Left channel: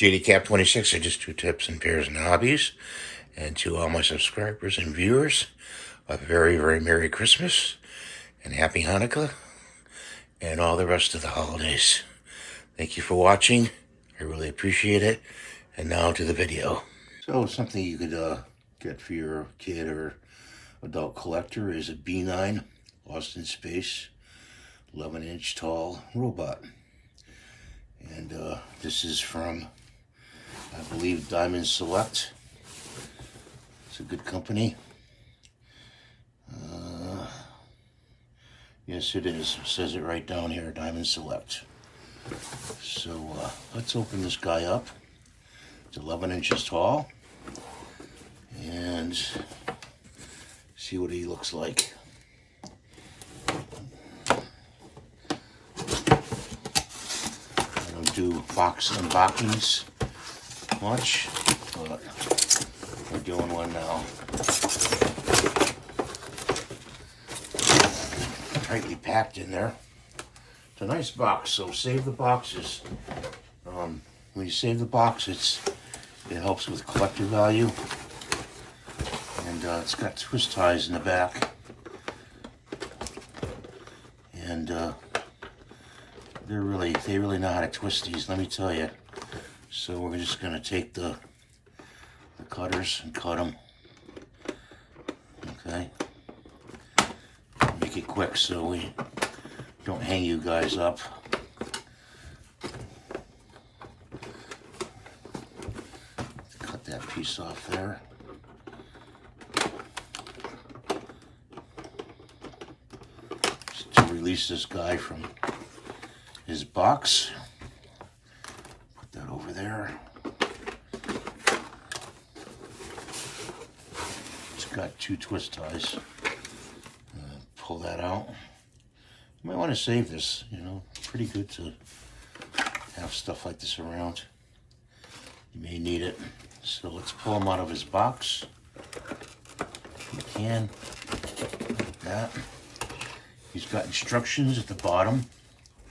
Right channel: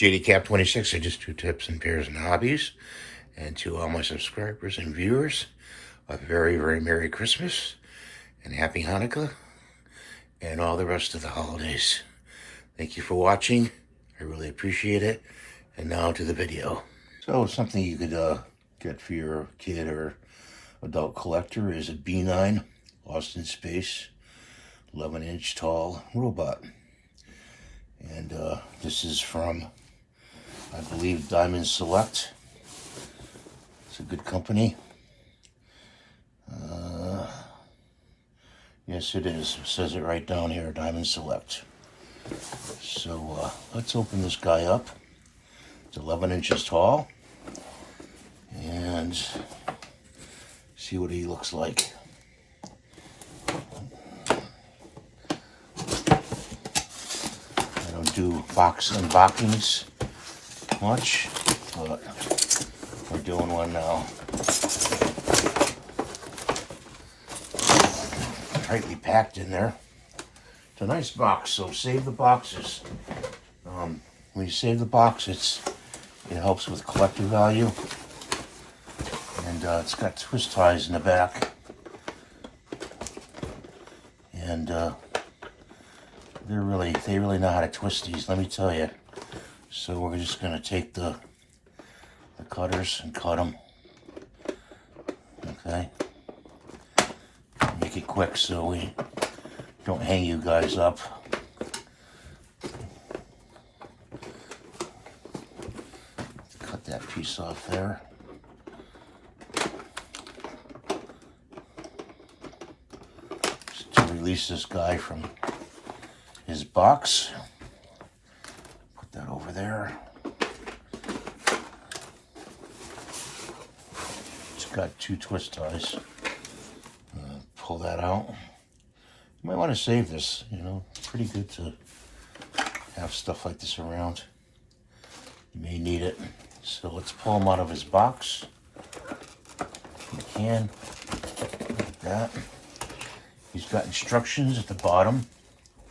Jdcap26 are just two tips and pairs and hobbies. And to all my subscribers and viewers, a very, very Merry Christmas and Happy Hanukkah and all the rest of the holidays. Thank you for watching. I really appreciate it. And now to the video. So something you could get for your kid or adult collector is a B9 Lost in Space 11-inch tall robot. And this is from, I believe, Diamond Select. It's a good company. Yes, it is. It says it right down here, Diamond Select. So let's open this guy up. It's 11 inches tall. And see what he looks like. I don't do box unboxings much, but we're doing one now. Tightly packed in there. It's a nice box, so save the boxes. When you save the box, it helps with collector value. And it's got twist ties in the back. And they really know how to twist these, let me tell you. So we're just going to take the cutters and cut them. Okay. Make it quick so we don't hang you guys up. Cut that piece off there. Just to release this guy from his box. Put that over there. It's got two twist ties. Pull that out. You might want to save this, you know, pretty good to have stuff like this around. You may need it. So let's pull him out of his box. You can, like that. He's got instructions at the bottom.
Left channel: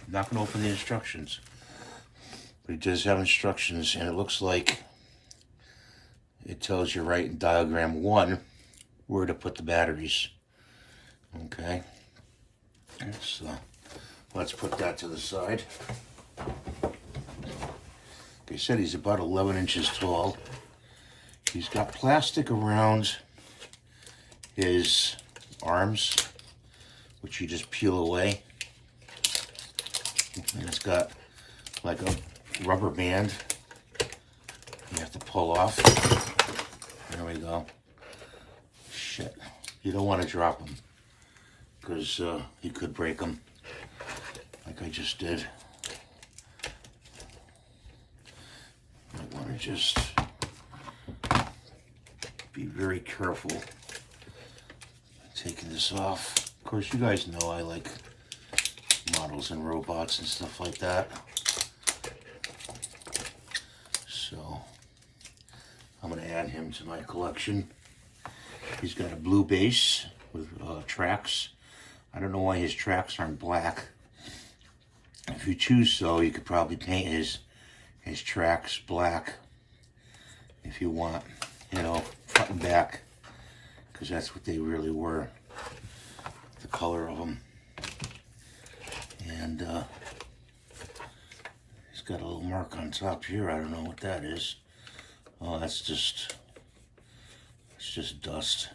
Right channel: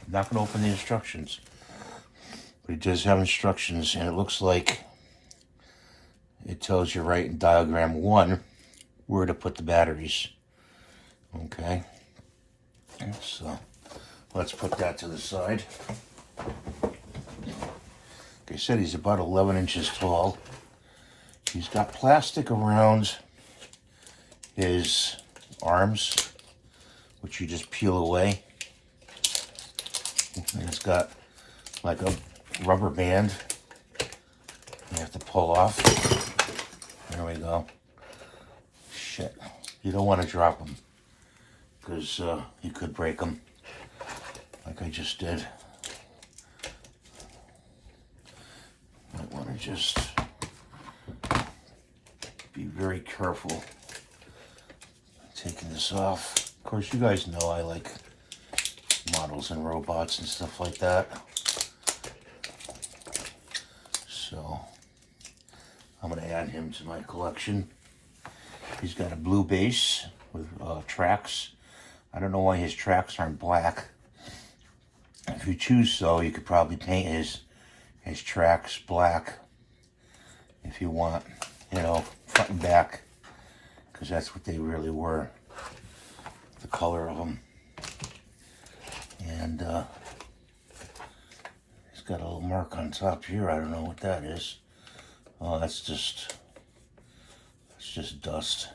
I'm not going to open the instructions, but it does have instructions, and it looks like it tells you right in diagram 1 where to put the batteries. Okay, so let's put that to the side. They said he's about 11 inches tall. He's got plastic around his arms, which you just peel away. And it's got like a rubber band you have to pull off. There we go. Shit, you don't want to drop them, because you could break them, like I just did. I want to just be very careful taking this off. Of course, you guys know I like models and robots and stuff like that. So I'm going to add him to my collection. He's got a blue base with tracks. I don't know why his tracks aren't black. If you choose so, you could probably paint his tracks black if you want, you know, front and back, because that's what they really were, the color of them. And he's got a little mark on top here. I don't know what that is. Oh, it's just dust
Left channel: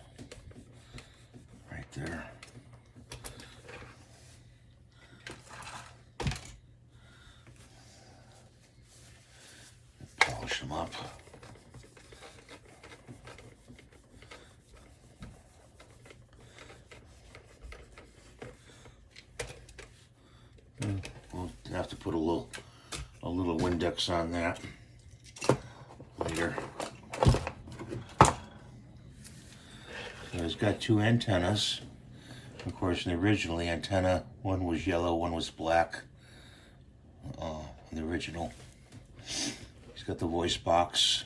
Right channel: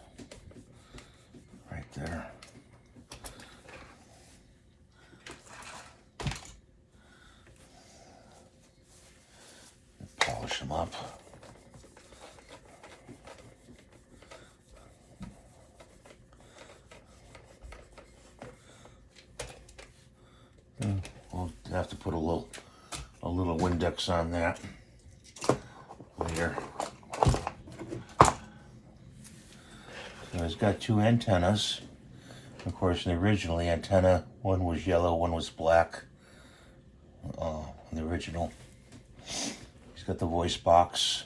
right there. Polish them up. We'll have to put a little Windex on that later. So it's got two antennas. Of course, originally antenna, one was yellow, one was black. In the original. He's got the voice box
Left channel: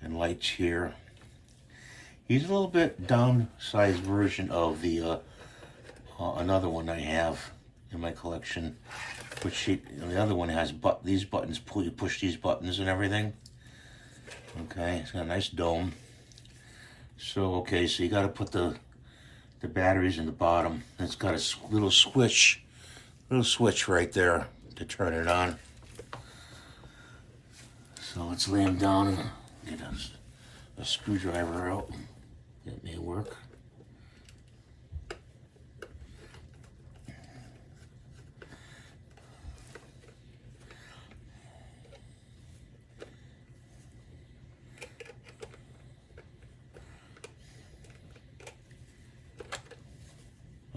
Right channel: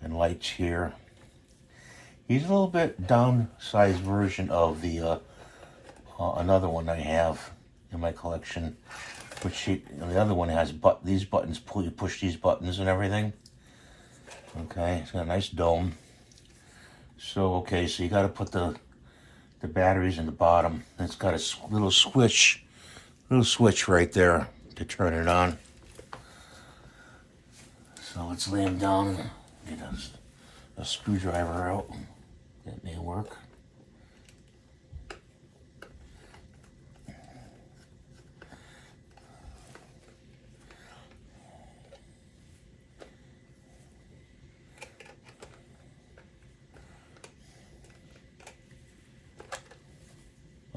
and lights here. He's a little bit downsized version of the another one I have. in my collection. Which the other one has these buttons. You push these buttons and everything. Okay, it's got a nice dome. So okay, so you got to put the batteries in the bottom. It's got a little switch right there to turn it on. So let's lay them down and get a screwdriver out. That may work.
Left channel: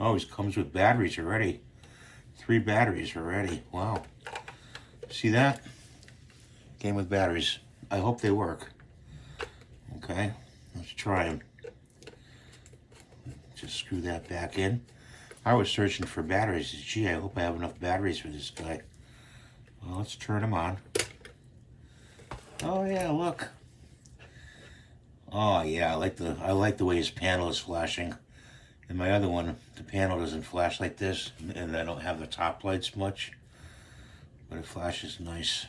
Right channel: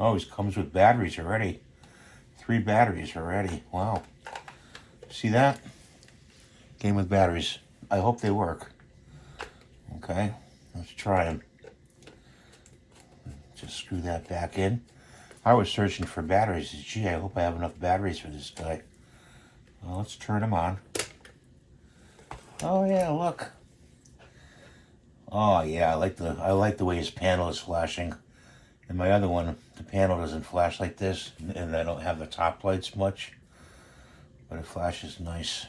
Oh, it comes with batteries already. 3 batteries already. Wow. See that? Came with batteries. I hope they work. Okay, let's try them. Just screw that back in. I was searching for batteries. Gee, I hope I have enough batteries for this guy. Well, let's turn them on. Oh yeah, look. Oh yeah, I like the way his panel is flashing. And my other one, the panel doesn't flash like this, and I don't have the top lights much, but it flashes nice.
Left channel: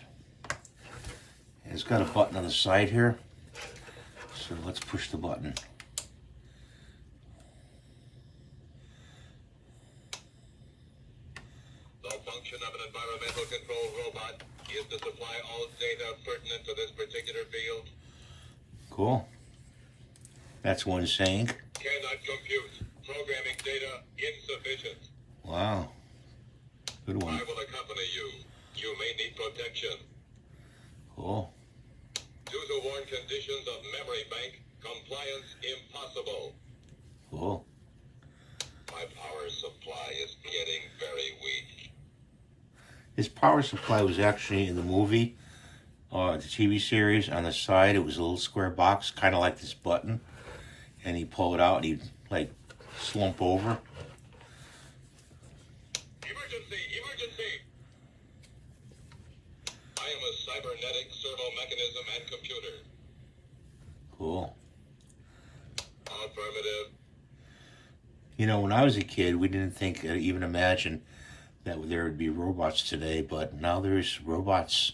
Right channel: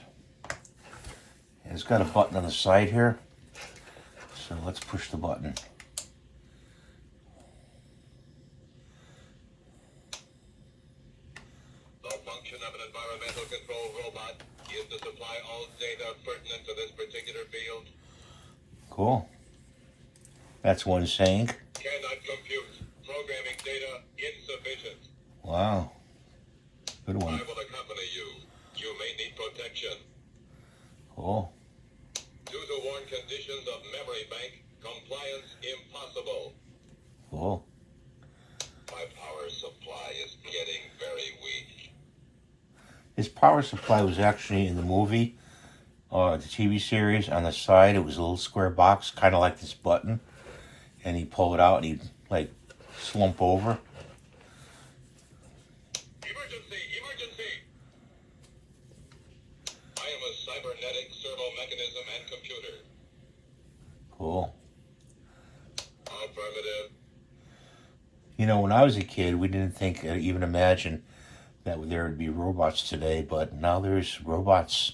And it's got a button on the side here, so let's push the button. The function of an environmental control robot is to supply all data pertinent to this particular field. Cool. That's one saying. Cannot compute. Programming data insufficient. Wow. Good one. I will accompany you. You may need protection. Cool. Due to worn conditions of memory bank, compliance impossible. Cool. My power supply is getting very weak. His power supply was actually in the movie, or the TV series. On the side, it was a little square box, kind of like this button. And he'd pull it out and he'd, like, slump over. Emergency! Emergency! I am a cybernetic servo mechanism and computer. Cool. Affirmative. You know, when I was a kid, we didn't think, even imagine that there would be robots today, but now there's robots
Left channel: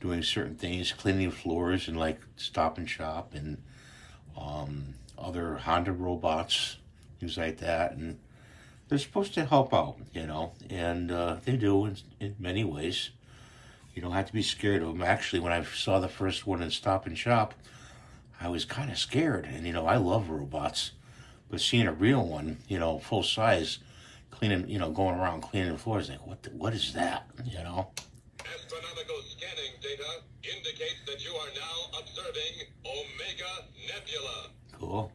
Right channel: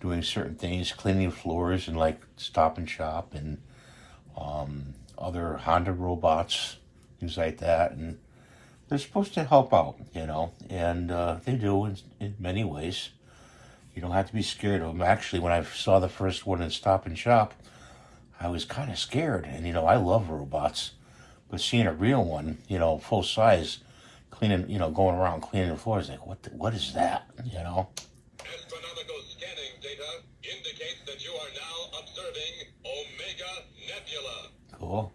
doing certain things, cleaning floors and like Stop and Shop and other Honda robots, things like that, and they're supposed to help out, you know, and they do in many ways. You don't have to be scared of them. Actually, when I saw the first one in Stop and Shop, I was kind of scared, and you know, I love robots, but seeing a real one, you know, full size, cleaning, you know, going around cleaning the floors, like, what is that, you know? Astronomical scanning data indicates that you are now observing Omega Nebula. Cool.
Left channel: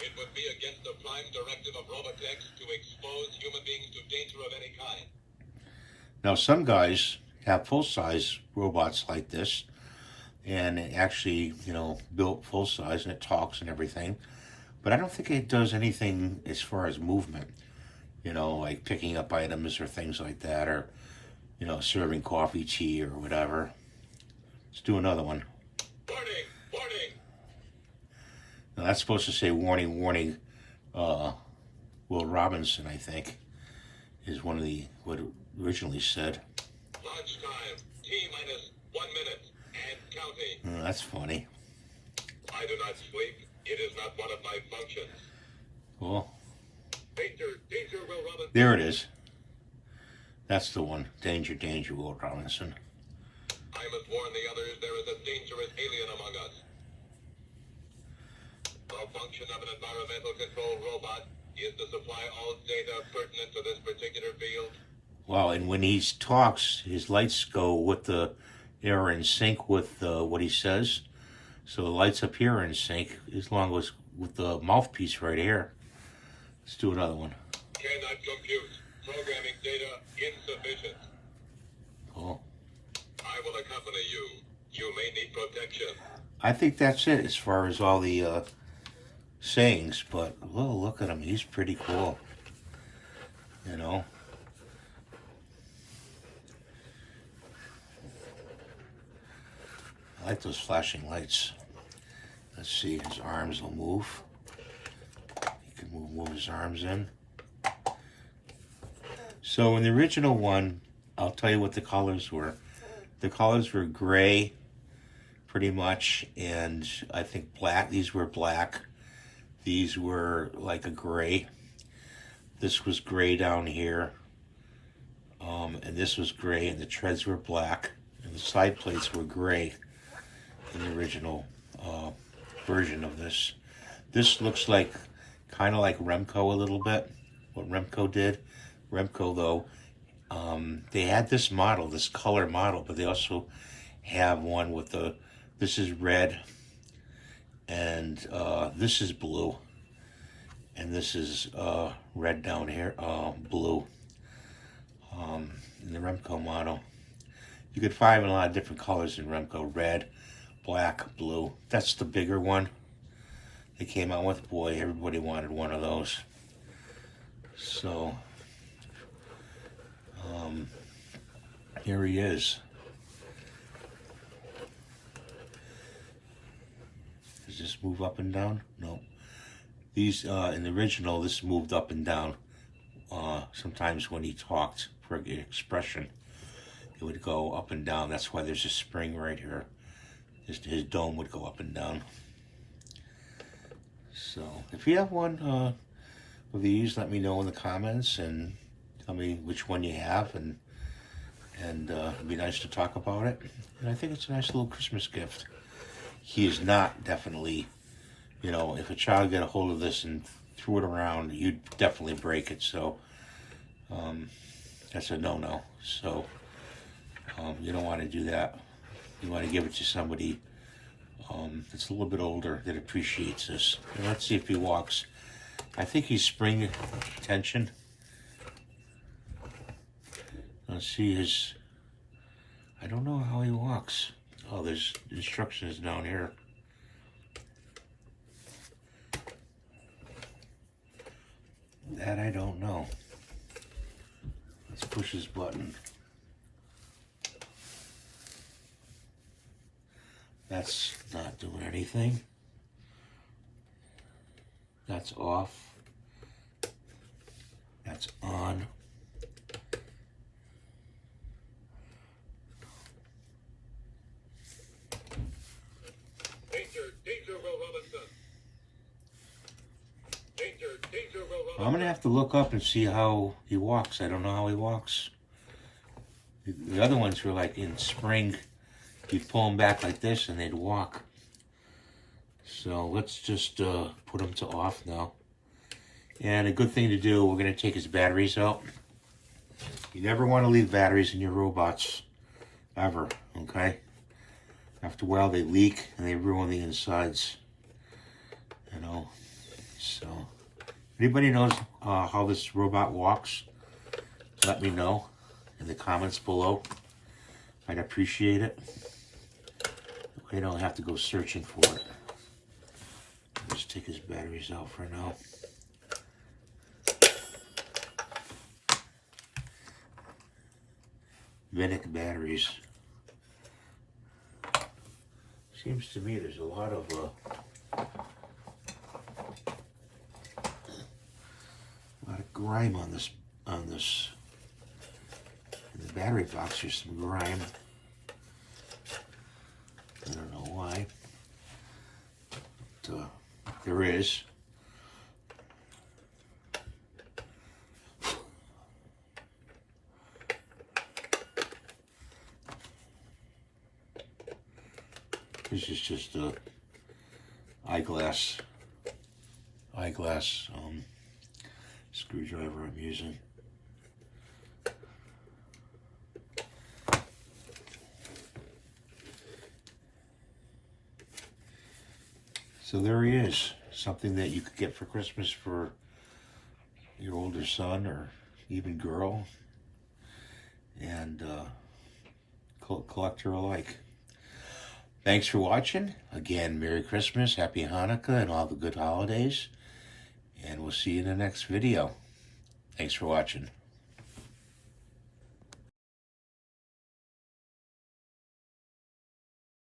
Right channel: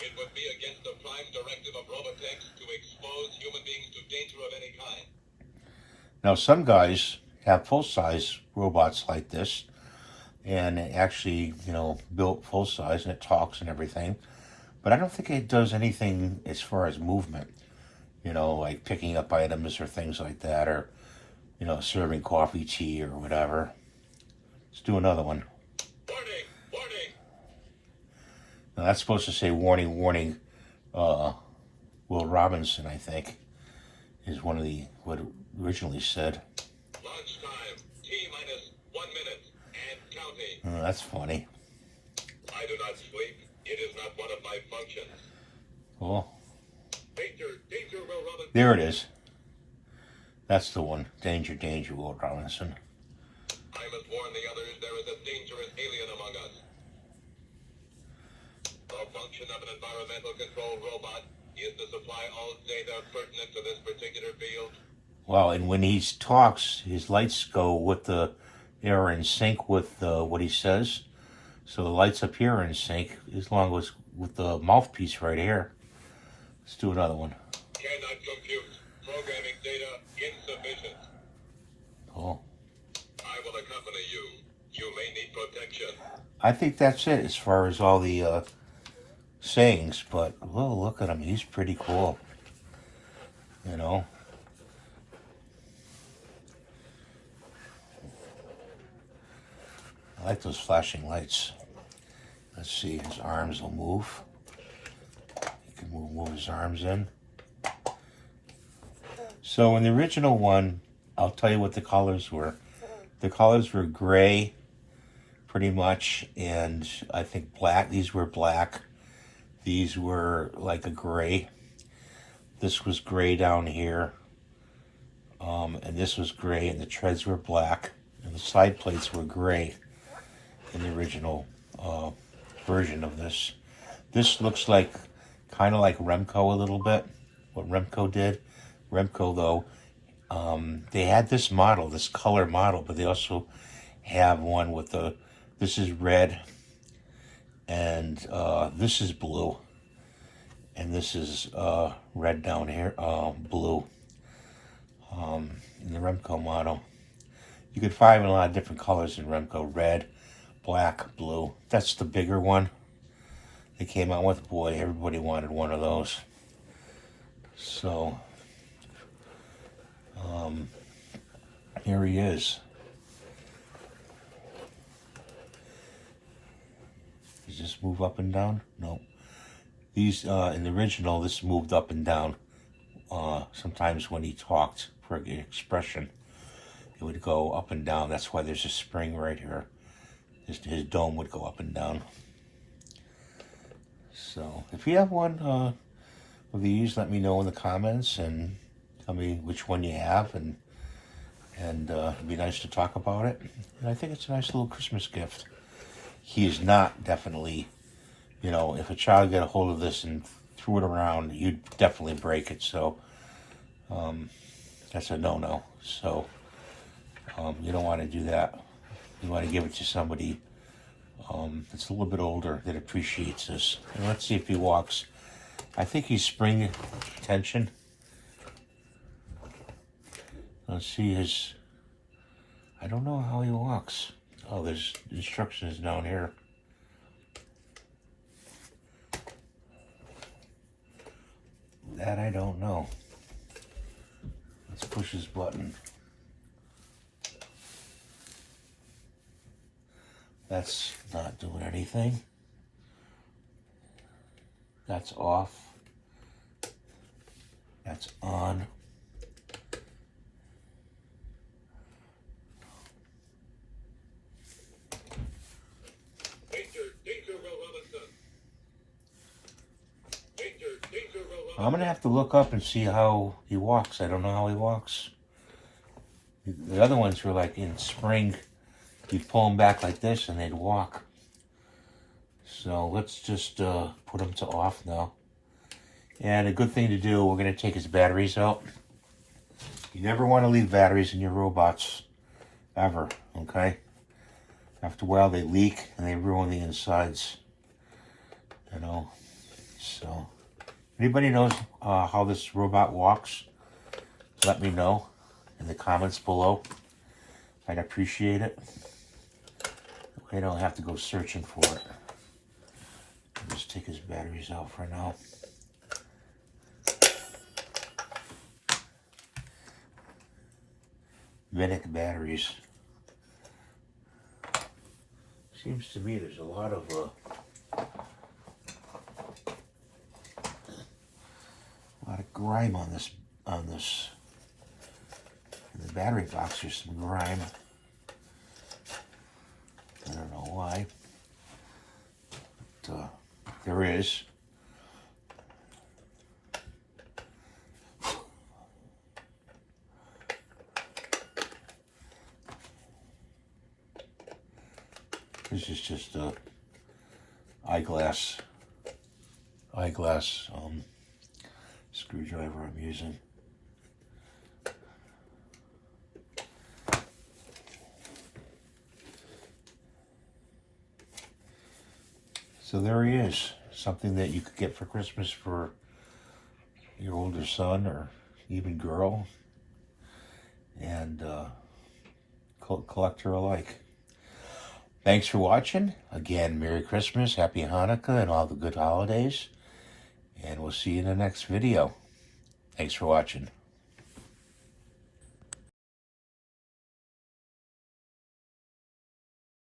It would be against the prime directive of Robotech to expose human beings to danger of any kind. Now, some guys have full-size robots like this, and it actually, you know, built full-size, and it talks and everything, but I don't think it does anything as far as movement, you know, like picking up items or things like that, or, you know, serving coffee, tea, or whatever. Let's do another one. Warning! Warning! Now, that's supposed to say warning, warning. Will Robinson, I think, is one of what it originally said. Launch time, T-minus 1 minute, and counting. Oh, that's funny. I do not sleep. It is not one of my functions. Cool. Danger, danger, Will Robinson. There it is. That's the one. Danger, danger, Will Robinson. I must warn the others, there is a dangerous alien among us. The function of an environmental control robot is to supply all data pertinent to this particular field. Wow, and when he talks, his lights go with are in sync with what he says. So the lights up here are in sync, as long as with the mouthpiece right here. Let's do another one. Cannot compute. Programming data insufficient. Cool. I will accompany you. You may need protection. I think that's it as far as all the sayings, but look at him. He's pretty cool. You know? I like those flashing lights. Let's see, his arms will move. He can move his arms in. So in the original one, I'll tell you what the colors were. The colors were gray, pretty much, and I think black. These were black. These were like a gray. This was gray down here. And this was gray, and the treads were black. And the side plates were gray in the original version of this. This looks like, kind of like Remco a little bit, what Remco did. Remco, though, they had this model, this color model, but they also have one with the, this is red, and this is blue, and this is red down here, blue, in the Remco model. You could find a lot of different colors in Remco, red, black, blue. That's the bigger one they came out with. Boy, everybody wanted one of those. So, here he is. Does this move up and down? No. These, in the original, this moved up and down. Sometimes when he talked for an expression, it would go up and down. That's why there's a spring right here. His dome would go up and down. So, if you have one of these, let me know in the comments and tell me which one you have, and it'd be nice to talk about it. And I think it's a nice little Christmas gift. He's not definitely, you know, if a child got a hold of this and threw it around, you'd definitely break it. So that's a no-no. So you don't want to do that. You want to give it to somebody that's a little bit older that appreciates this. And let's see if he walks. I think he's spring tension. Let's see his, I don't know how he walks. Oh, there's instructions down here. That I don't know. Let's push his button. That's not doing anything. That's off. That's on. Danger, Will Robinson. Danger, Will Robinson. I'm gonna have to look up and see how he walks. I don't know how he walks. The other ones were like in spring. You pull them back like this and they'd walk. So let's just put them to off now. And a good thing to do, we're going to take his batteries out. You never want to leave batteries in your robots, ever, okay? After a while they leak and they ruin the insides, you know. So, anybody knows how this robot walks, let me know in the comments below. I'd appreciate it. I don't have to go searching for it. I'll just take his batteries out for now. Medic batteries. Seems to me there's a lot of grime on this. In the battery box, there's some grime. I don't know why, but there is. This is just a eyeglass screwdriver I'm using. So there he is, something that you could get for Christmas for your older son or even girl, and collector alike. Thanks for watching. Again, Merry Christmas, Happy Hanukkah, and all the good holidays. And we'll see you in the next video. Thanks for watching.